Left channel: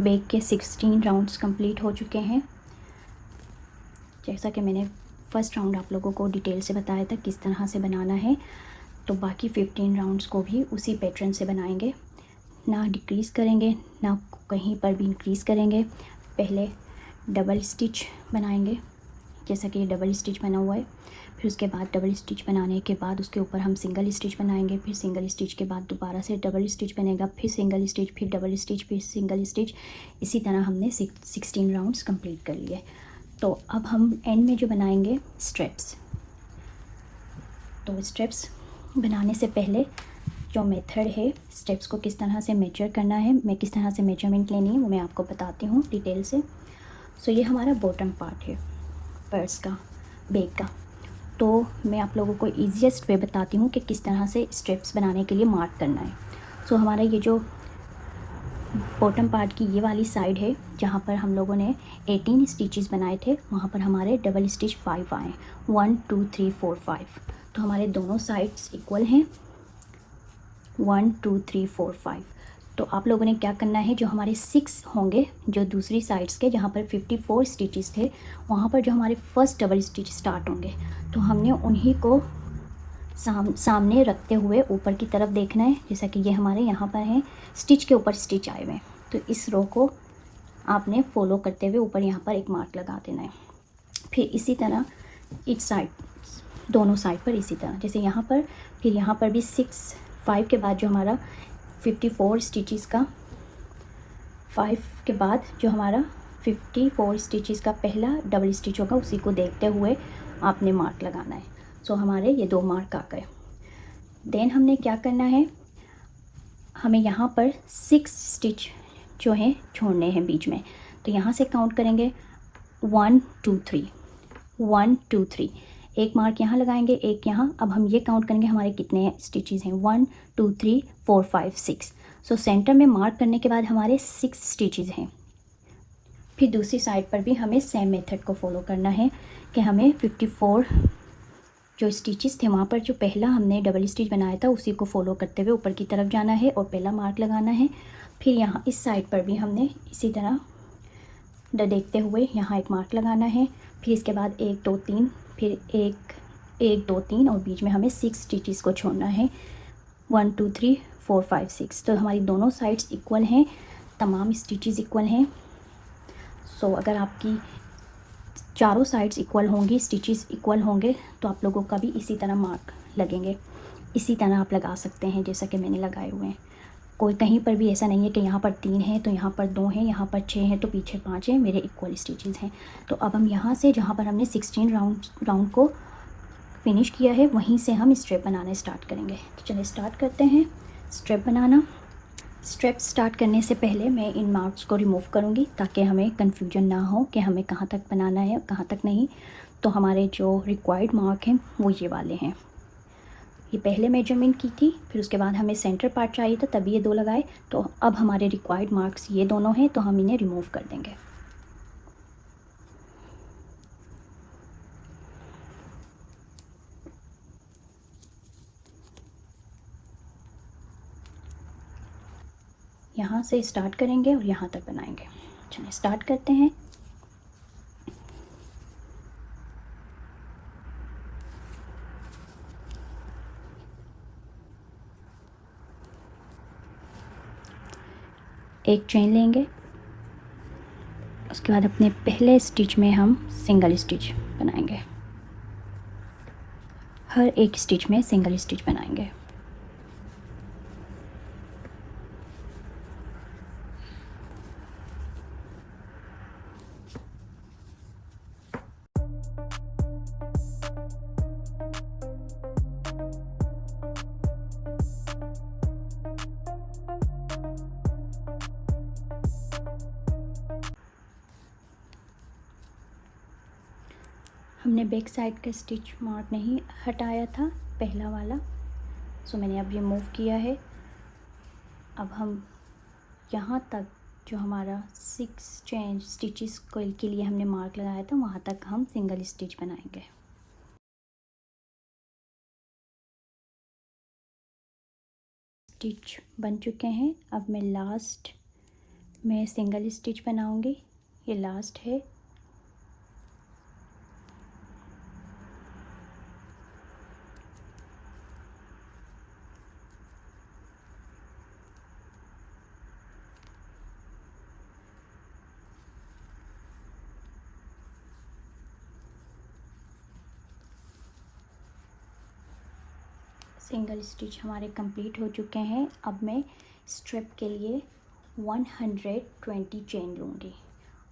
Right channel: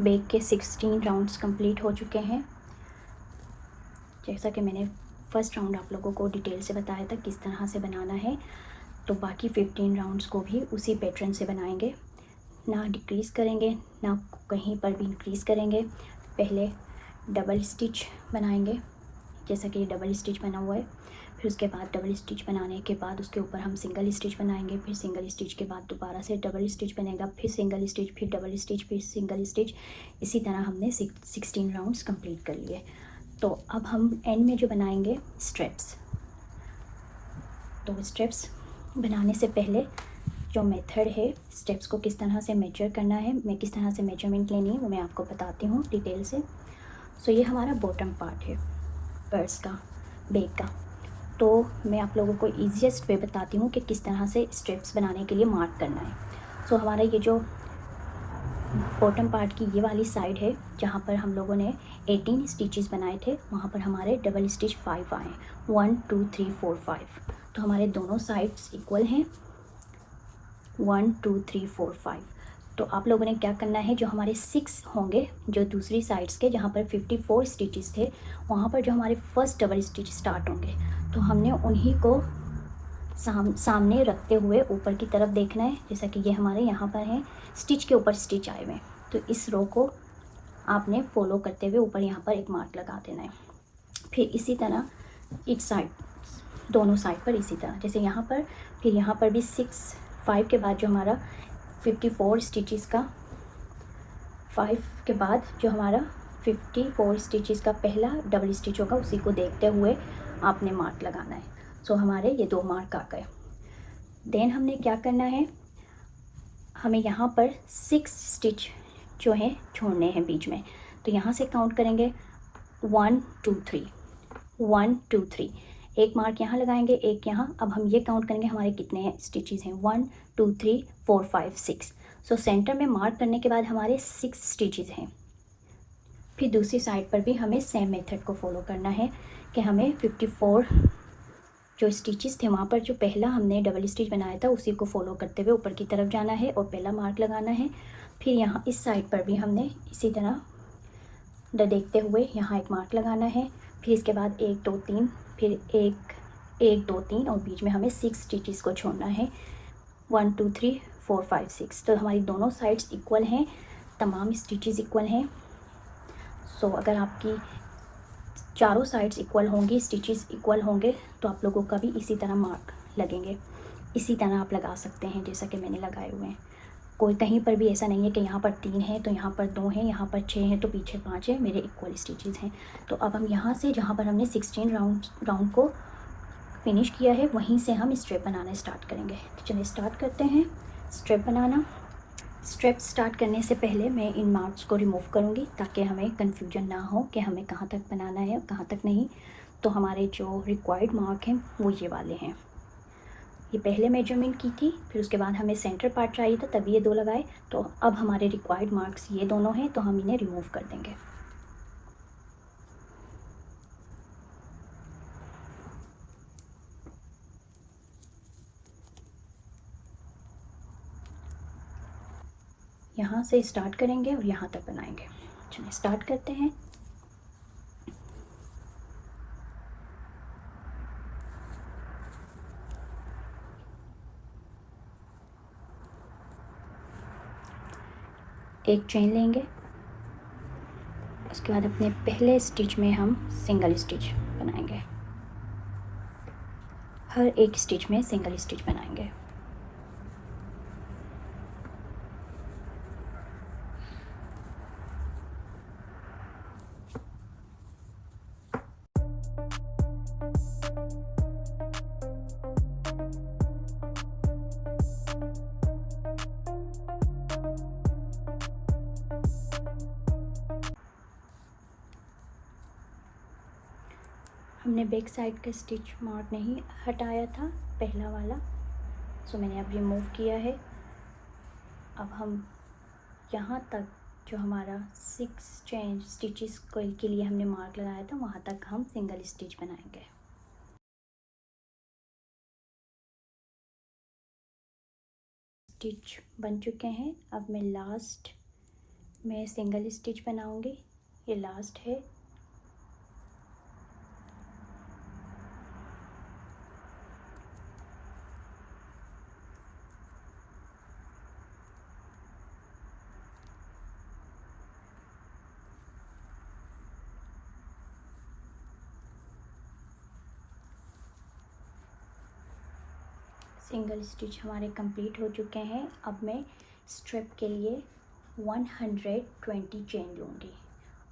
Bag के 16 rounds complete हो चुके हैं। जैसा कि मैंने फ़र्स्ट राउंड आप लोगों को डिटेल से बताया था किस तरह से बनाना है, तो बाकी 15 राउंड्स को भी उसी पैटर्न से बनाएंगे। ना डिक्रीज़ करेंगे ना कहीं पर भी इंक्रीज़ करेंगे। पहले डबल स्टिच बनाएंगे, जैसा कि ये डबल स्टिच बना हुआ है। फिर उसके बाद डबल स्टिच बनाने के बाद उसके ऊपर हम सिंगल स्टिच बनाएंगे। फिर सिंगल स्टिच के बाद दोबारा से डबल स्टिच बनेगा, फिर सिंगल स्टिच, फिर डबल स्टिच, फिर सिंगल स्टिच। इसी तरह हमने 16 राउंड्स कंप्लीट कर लिए। तो अब हम एंड में जो बनाएंगे स्ट्रेप्स। तो स्ट्रेप्स बनाने से पहले जो मेथड है स्टेप्स को किस तरह से मेजर करना है, मैं किस तरह से मेजरमेंट लेनी है, वो मैं आपको बताती हूँ डिटेल से। सो ये हमारा बॉटम पार्ट है पर्स का, बैग का। तो मैं आप लोगों को ईजीएस्ट वे बताती हूँ कि किस तरह से स्ट्रेप्स बनाने के लिए मार्क करना है। सो हमारा ये जो बॉटम पार्ट की ये वाली साइड है जहाँ पर हम लोगों ने 18 स्टिचेस बनाए थे, वहाँ पर हमारे डबल स्टिच 5 आए, 1 2 3 4 5। तो हमारे दोनों साइड्स इक्वल हैं, 1 2 3 4 5। तो आप लोगों ने क्या करना है, जो हमारे 6 होंगे जो दूसरी साइड्स के, जहाँ पर 54 स्टिचेस थे, वहाँ पर जो हमारे फर्स्ट डबल स्टिच स्टार्ट होंगे, तो हमने उन्हीं को सामने रखते हुए ऊपर की तरफ देखना है। जैसा कि ये हमारे यहाँ पर हैं, स्टिच के ऊपर स्टिच आए हुए हैं, तो इस रो को आपने फॉलो करते हुए ऊपर यहाँ पर एक मार्क लगा देना है। फिर इसी तरह इस साइड, दोनों साइड पर इसी तरह, जैसे यहाँ पर, फिर यहाँ पर भी 5 के बाद जो हमारा 54 स्टिचेस का, 5 के बाद जो हमारा 54 स्टिचेस का पहला डबल स्टिच होगा, उसी को देखते हुए आपने मार्क लगाना है। सो हमारे ये 2 मार्क आ गए। देन हमने क्या करना है, हमें यहाँ पर 6 स्टिच जो है छोड़ने हैं बीच में। तो यहाँ से काउंट करेंगे 1 2 3, 1 2 3, एक मार्क यहाँ लगाएंगे, एक यहाँ। अब हम ये काउंट करेंगे हमारे कितने स्टिचेस हैं, 1 2 3 4 5 6। सो सेंटर में मार्क करने के बाद हमारे 6 स्टिचेस हैं। फिर दूसरी साइड पर भी हमें सेम मेथड को फॉलो करना है कि हमें 54 जो स्टिचेस थे वहाँ पर जो पहला हमने डबल स्टिच बनाया था उसी को फॉलो करते हुए ऊपर की तरफ जाना है और पहला मार्क लगाना है। फिर यहाँ इस साइड पर भी हमने इसी तरह देखते हुए यहाँ एक मार्क लगाना है। फिर इसके बाद 1 2 3, फिर 1 2 3 और बीच में हमें 6 स्टिचेस को छोड़ना है, 1 2 3 4 5 6। तो हमारी दोनों साइड्स इक्वल हैं, तमाम स्टिचेस इक्वल हैं। सो अगर आपकी चारों साइड्स इक्वल होंगी, स्टिचेस इक्वल होंगे, तो आप लोगों का भी इसी तरह मार्क लगेंगे। इसी तरह आप लगा सकते हैं जैसा कि मैंने लगाए हुए हैं। कोई कहीं पर भी ऐसा नहीं है कि यहाँ पर 3 है तो यहाँ पर 2 हैं, यहाँ पर 6 हैं तो पीछे 5 है, मेरे इक्वल स्टिचेस हैं। तो अब हम यहाँ से जहाँ पर हमने 16 राउंड को फिनिश किया है, वहीं से हम स्ट्रेप बनाना स्टार्ट करेंगे। तो चलिए स्टार्ट करते हैं स्ट्रेप बनाना। स्ट्रेप स्टार्ट करने से पहले मैं इन मार्क्स को रिमूव करूँगी ताकि हमें कन्फ्यूजन ना हो कि हमें कहाँ तक बनाना है और कहाँ तक नहीं। तो हमारे जो रिक्वायर्ड मार्क हैं वो ये वाले हैं। ये पहले मेजरमेंट की थी, फिर उसके बाद हमें सेंटर पार्ट चाहिए था तभी ये 2 लगाए। तो अब हमारे रिक्वायर्ड मार्क्स ये दोनों हैं, तो हम इन्हें रिमूव कर देंगे। यहाँ से स्टार्ट करेंगे और यहाँ तक बनाएंगे। चलिए स्टार्ट करते हैं। एक चेन लेंगे, उसके बाद अपने पहले स्टिच में हम सिंगल स्टिच बनाएंगे, हर एक स्टिच में सिंगल स्टिच बनाएंगे। हमने बैक साइड का स्टिच मार्क नहीं हटाया था, पहला वाला, सो मैंने अब रिमूव किया है। अब हम यहाँ तक जो हमारा 6 चेन स्टिचेस के लिए हमने मार्क लगाया था वहाँ तक हम सिंगल स्टिच बनाएंगे। स्टिच बन चुके हैं। अब मैं लास्ट मैं सिंगल स्टिच बनाऊंगी, ये लास्ट है। सिंगल स्टिच हमारे कंप्लीट हो चुके हैं। अब मैं स्ट्रिप के लिए 120 चेन लूँगी।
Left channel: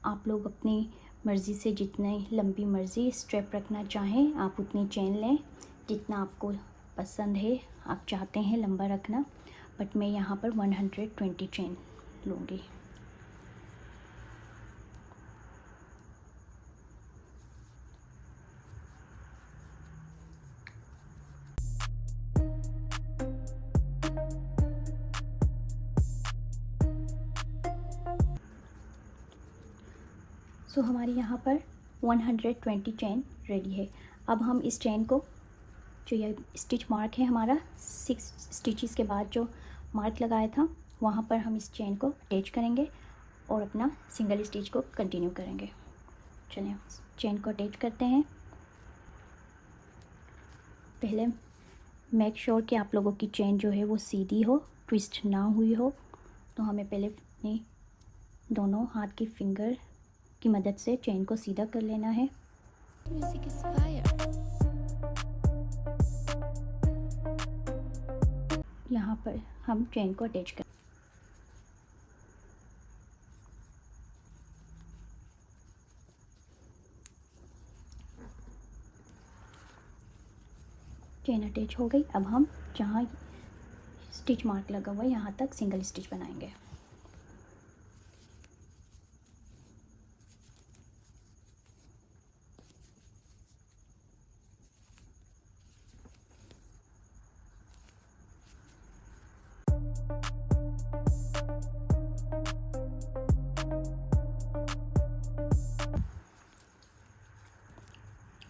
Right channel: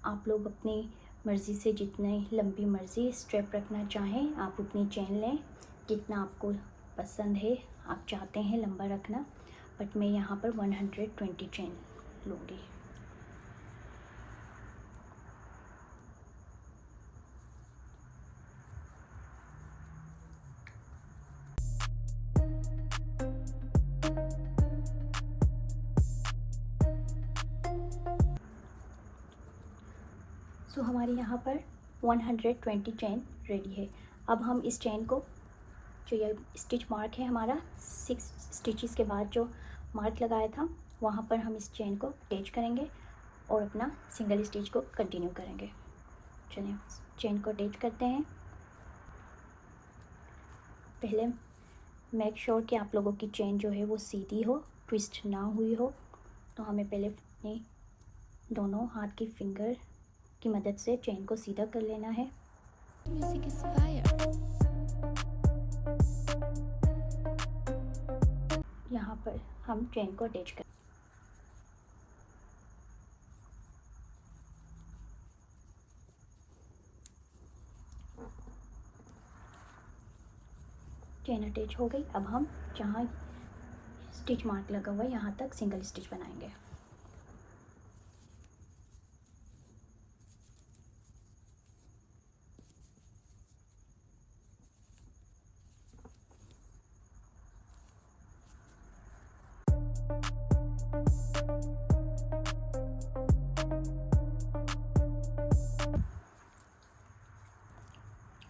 आप लोग अपनी मर्ज़ी से जितनी लंबी मर्ज़ी स्ट्रिप रखना चाहें आप उतनी चेन लें, जितना आपको पसंद है आप चाहते हैं लंबा रखना, बट मैं यहाँ पर 120 चेन लूँगी। सो हमारी यहाँ पर 120 चेन रेडी है। अब हम इस चेन को, जो ये स्टिच मार्क है हमारा 6 स्टिचेस के बाद जो मार्क लगाया था, वहाँ पर हम इस चेन को अटैच करेंगे और अपना सिंगल स्टिच को कंटिन्यू करेंगे। चलिए चेन को अटैच करते हैं। पहले मेक श्योर कि आप लोगों की चेन जो है वो सीधी हो, ट्विस्ट ना हुई हो। तो हमें पहले अपनी दोनों हाथ की फिंगर की मदद से चेन को सीधा कर लेना है। Music is fire. यहाँ पर हम चेन को अटैच कर, चेन अटैच हो गई। अब हम जहाँ स्टिच मार्क लगा हुआ है यहाँ तक सिंगल स्टिच बनाएंगे।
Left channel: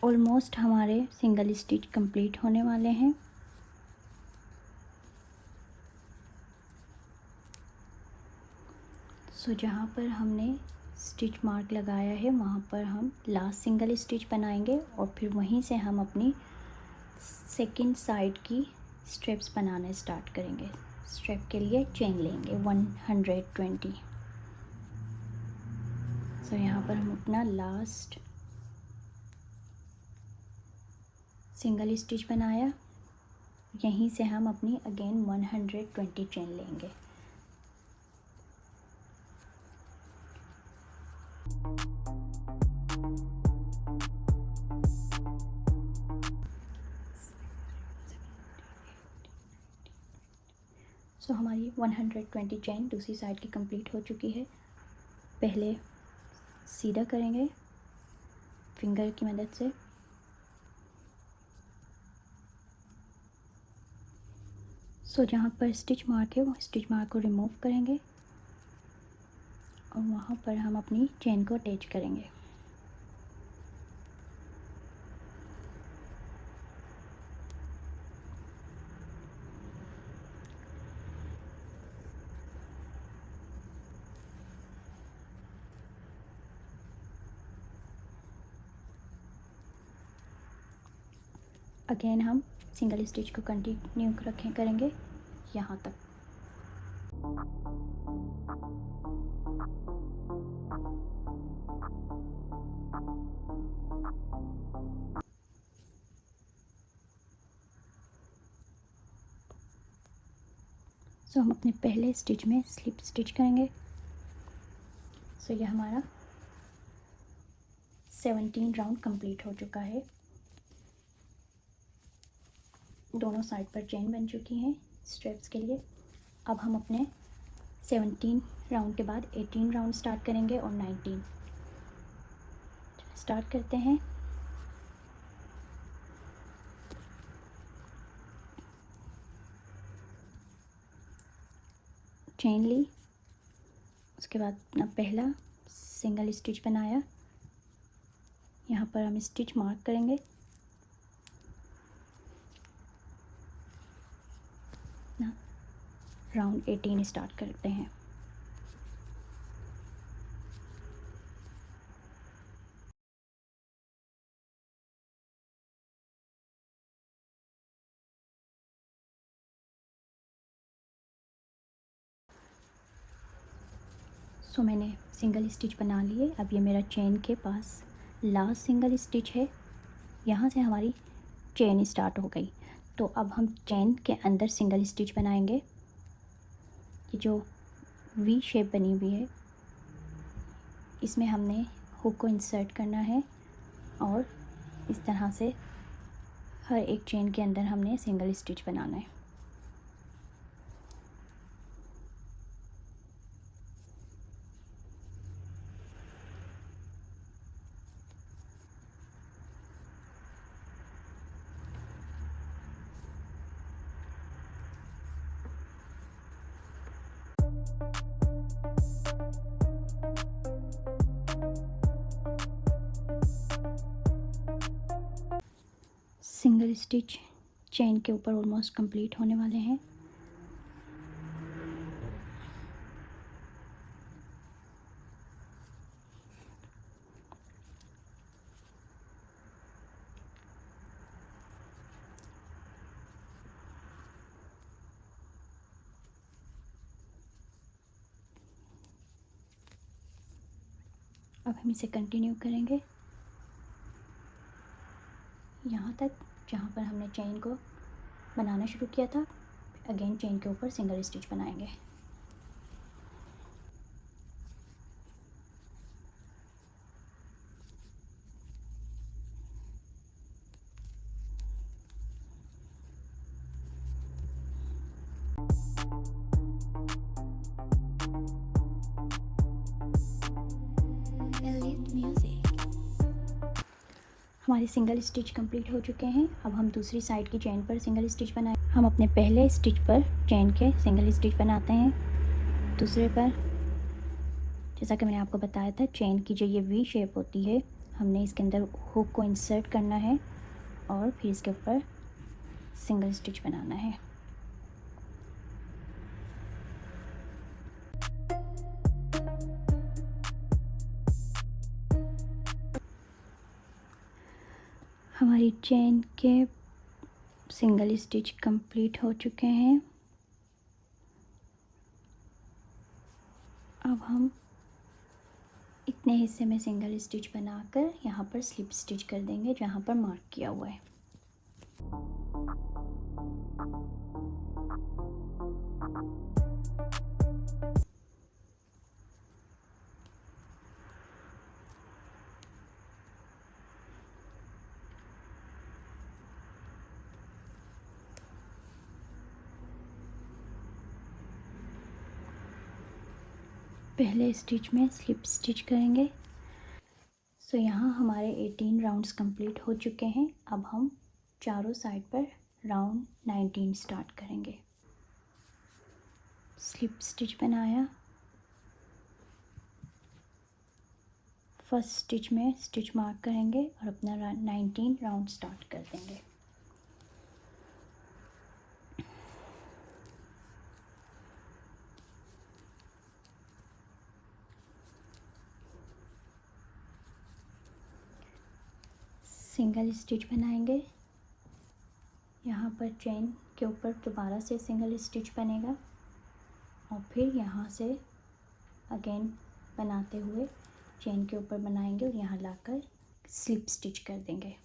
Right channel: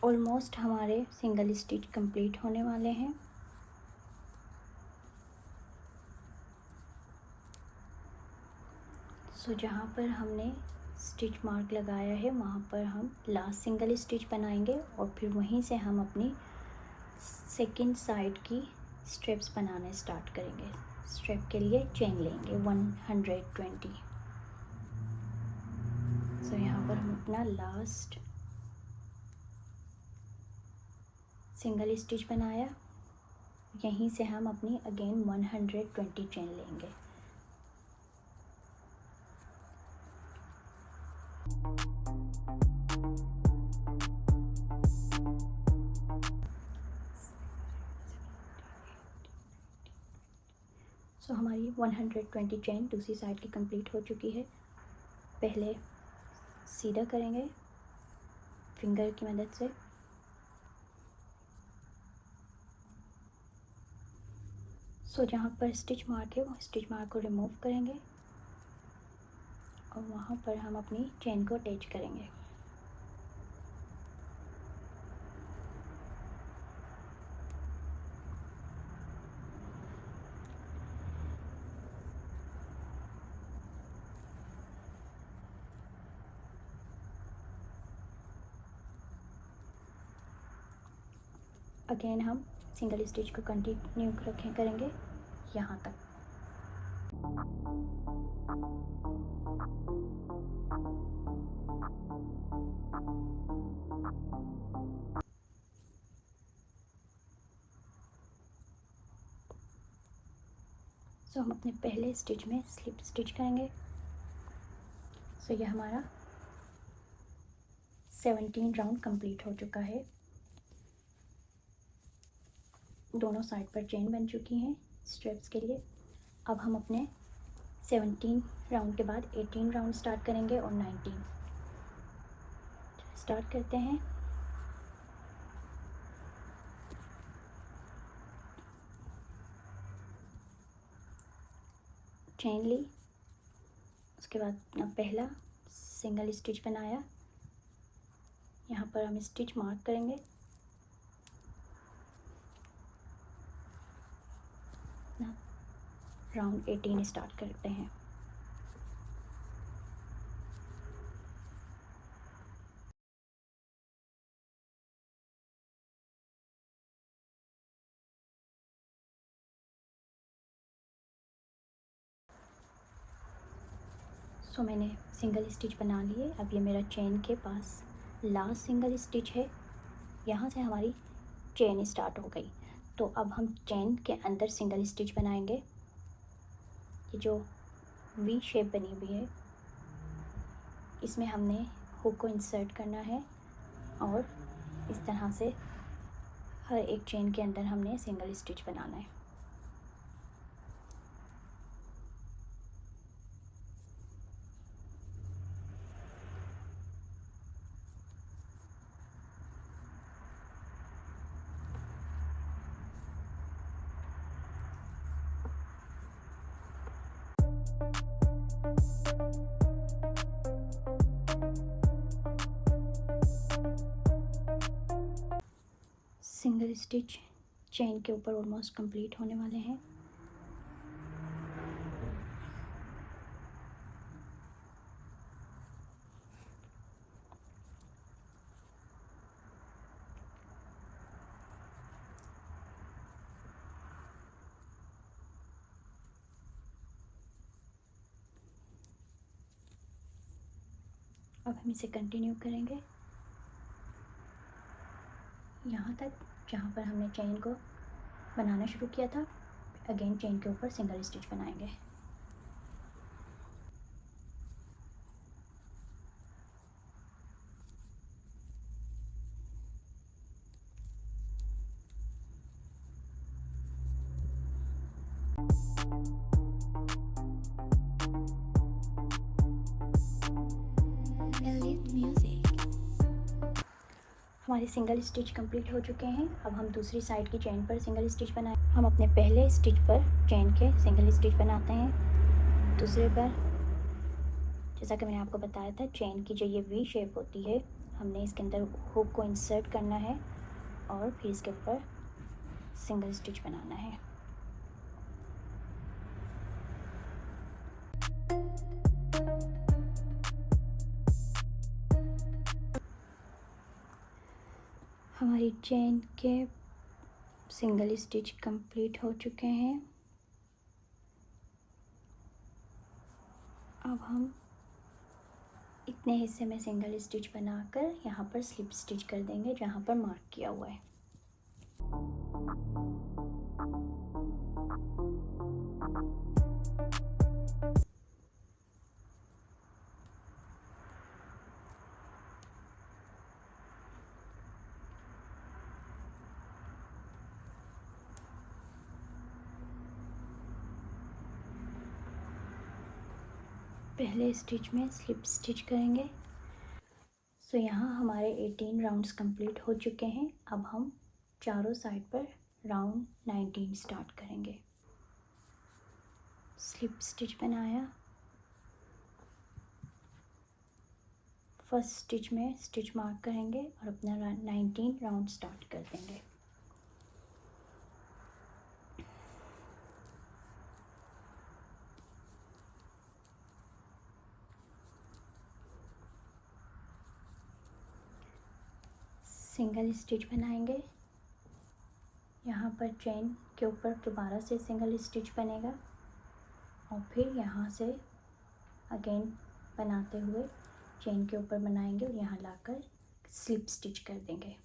ऑलमोस्ट हमारे सिंगल स्टिच कंप्लीट होने वाले हैं। सो जहाँ पर हमने स्टिच मार्क लगाया है वहाँ पर हम लास्ट सिंगल स्टिच बनाएंगे और फिर वहीं से हम अपनी सेकंड साइड की स्ट्रिप्स बनाने स्टार्ट करेंगे। स्ट्रिप के लिए चेन लेंगे 120। सो यहाँ पर हम अपना लास्ट सिंगल स्टिच बनाया, यहीं से हम अपनी अगेन 120 चेन लेंगे। सो हमारी 120 चेन दूसरी साइड की कंप्लीट हो चुकी है। पहले सीधा करेंगे फिंगर की मदद से, सो जहाँ पर स्टिच मार्क है वो स्टिच मार्क को रिमूव करेंगे और वहाँ पर हम अपनी चेन को अटैच करेंगे। अगेन हम सिंगल स्टिच को कंटिन्यू करेंगे यहाँ तक। सो हम अपने पहले स्टिच में स्लिप स्टिच करेंगे। सो यह हमारा 17 राउंड कंप्लीट हो चुका है। दोनों साइड पर चेन बन चुकी हैं स्ट्रिप्स के लिए। अब हम अपने 17 राउंड के बाद 18 राउंड स्टार्ट करेंगे और 19 स्टार्ट करते हैं। चेन ली, उसके बाद अपना पहला सिंगल स्टिच बनाया, यहाँ पर हम स्टिच मार्क करेंगे। राउंड 18 स्टार्ट करते हैं। सो मैंने सिंगल स्टिच बना लिए। अब ये मेरा चेन के पास लास्ट सिंगल स्टिच है, यहाँ से हमारी चेन स्टार्ट हो गई। तो अब हम चेन के अंदर सिंगल स्टिच बनाएंगे। ये जो वी शेप बनी हुई है इसमें हमने हुक को इंसर्ट करना है और इस तरह से हर एक चेन के अंदर हमने सिंगल स्टिच बनाना है। सिंगल स्टिच चेन के ऊपर ऑलमोस्ट कंप्लीट होने वाले हैं। अब हम इसे कंटिन्यू करेंगे यहाँ तक जहाँ पर हमने चेन को बनाना शुरू किया था। अगेन चेन के ऊपर सिंगल स्टिच बनाएंगे। Elite Music. हमारे सिंगल स्टिच कंप्लीट हो चुके हैं। अब हम दूसरी साइड की चेन पर सिंगल स्टिच बनाएं। हम अपने पहले स्टिच पर चेन के सिंगल स्टिच बनाते हैं। दूसरे पर जैसा कि मैंने आपको बताया था, चेन की जो ये वी शेप होती है हमने इसके अंदर हुक को इंसर्ट करना है और फिर इसके ऊपर सिंगल स्टिच बनाना है। हमारी चेन के सिंगल स्टिच कंप्लीट हो चुके हैं। अब हम इतने हिस्से में सिंगल स्टिच बनाकर यहाँ पर स्लिप स्टिच कर देंगे जहाँ पर मार्क किया हुआ है। पहले स्टिच में स्लिप स्टिच करेंगे। सो यहाँ हमारे 18 राउंड्स कंप्लीट हो चुके हैं। अब हम चारों साइड पर राउंड 19 स्टार्ट करेंगे। स्लिप स्टिच बनाया, फर्स्ट स्टिच में स्टिच मार्क करेंगे और अपना 19 राउंड स्टार्ट कर देंगे। सिंगल स्टिच बनाएंगे, यहाँ पर चेन के ऊपर दोबारा से सिंगल स्टिच बनेगा और फिर यहाँ से अगेन बनाते हुए चेन के ऊपर बनाएंगे और यहाँ लाकर स्लिप स्टिच कर देंगे।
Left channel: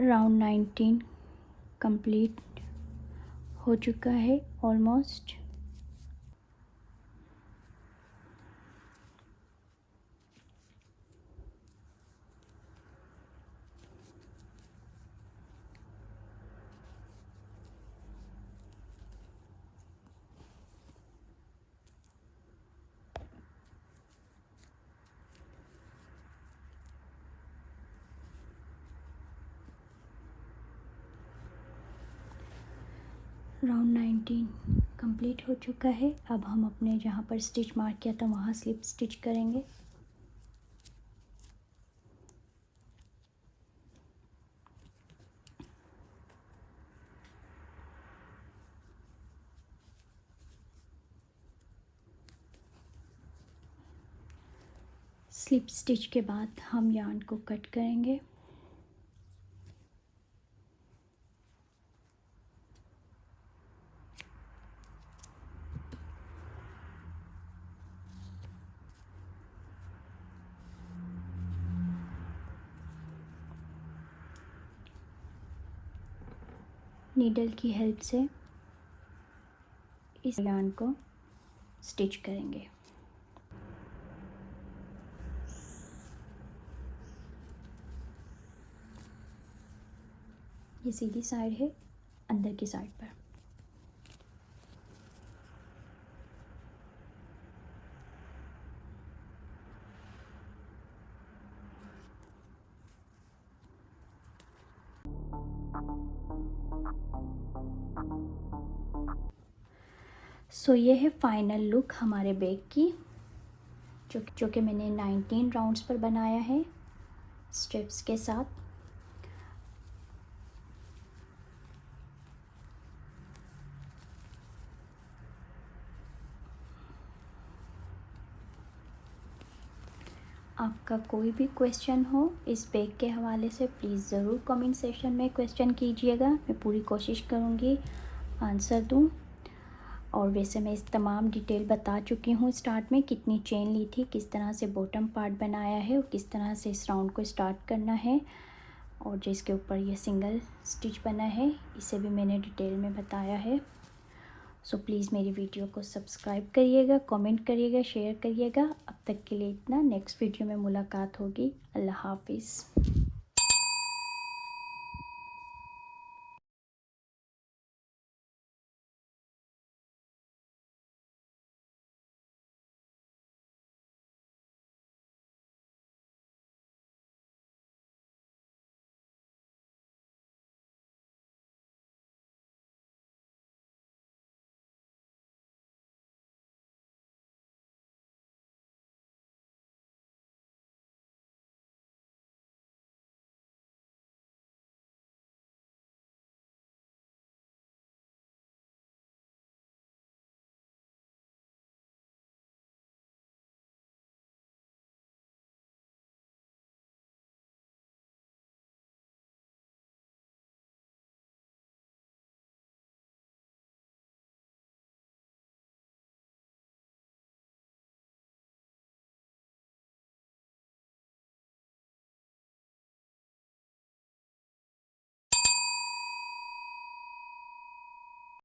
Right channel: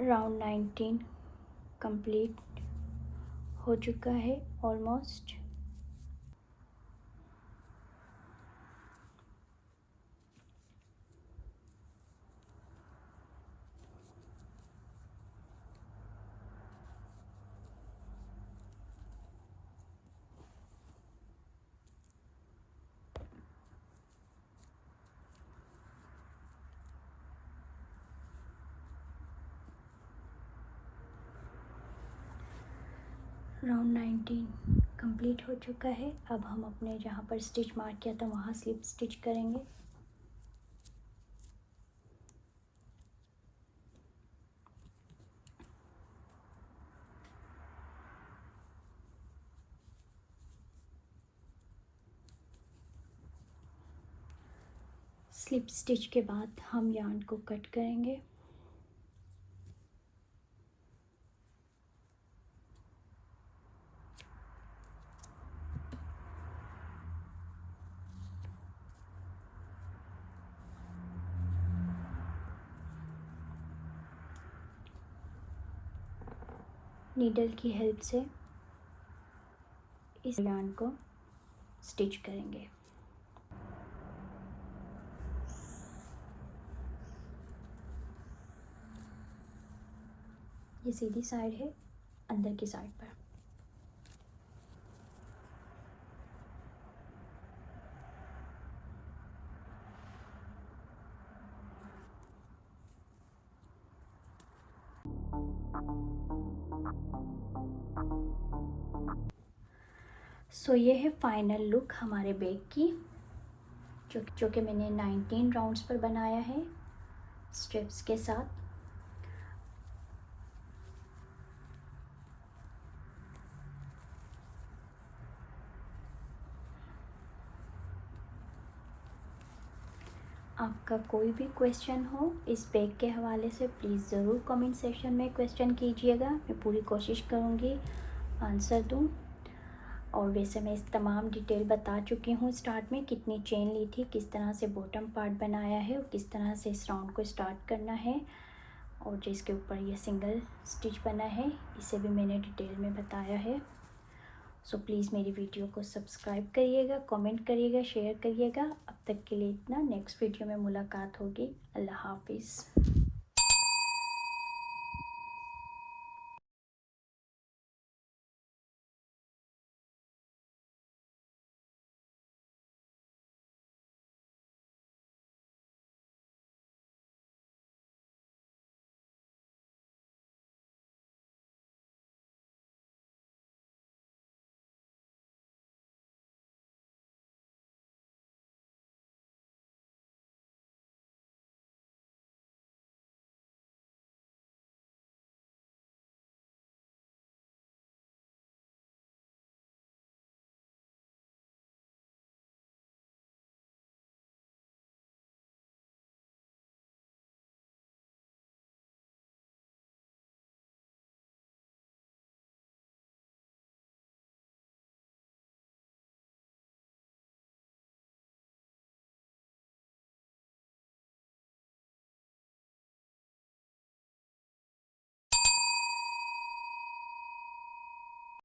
राउंड 19 कंप्लीट हो चुका है ऑलमोस्ट। राउंड 19 कंप्लीट हो चुका है। अब हम अपने जहाँ पर स्टिच मार्क किया था वहाँ स्लिप स्टिच करेंगे। स्लिप स्टिच के बाद हम यार्न को कट करेंगे। नीडल की हेल्प से इस यार्न को स्टिच करेंगे। ये सीधी साइड है, अंदर की साइड पर। सो ये है फाइनल लुक हमारे बैग की, जो कि मैंने 19 राउंड्स पर बनाया है स्ट्रिप्स के साथ। आपका कोई भी क्वेश्चन हो इस बैग के हवाले से प्लीज़ ज़रूर कमेंट सेक्शन में क्वेश्चन कीजिएगा, मैं पूरी कोशिश करूँगी आंसर दूँ। और वैसे मैं इस तमाम डिटेल बता चुकी हूँ स्टार्ट में, कितनी चेन ली थी, किस तरह से बॉटम पार्ट बनाया है और किस तरह से इस राउंड को स्टार्ट करना है, और जिसके ऊपर ये सिंगल स्टिच बना है इसे भी मैंने डिटेल में बताया है। सो प्लीज़ मेरी वीडियो को सब्सक्राइब करिएगा, कमेंट करिएगा, शेयर करिएगा। अब तक के लिए इतना, नेक्स्ट वीडियो में मुलाकात होगी। अल्लाह हाफिज़।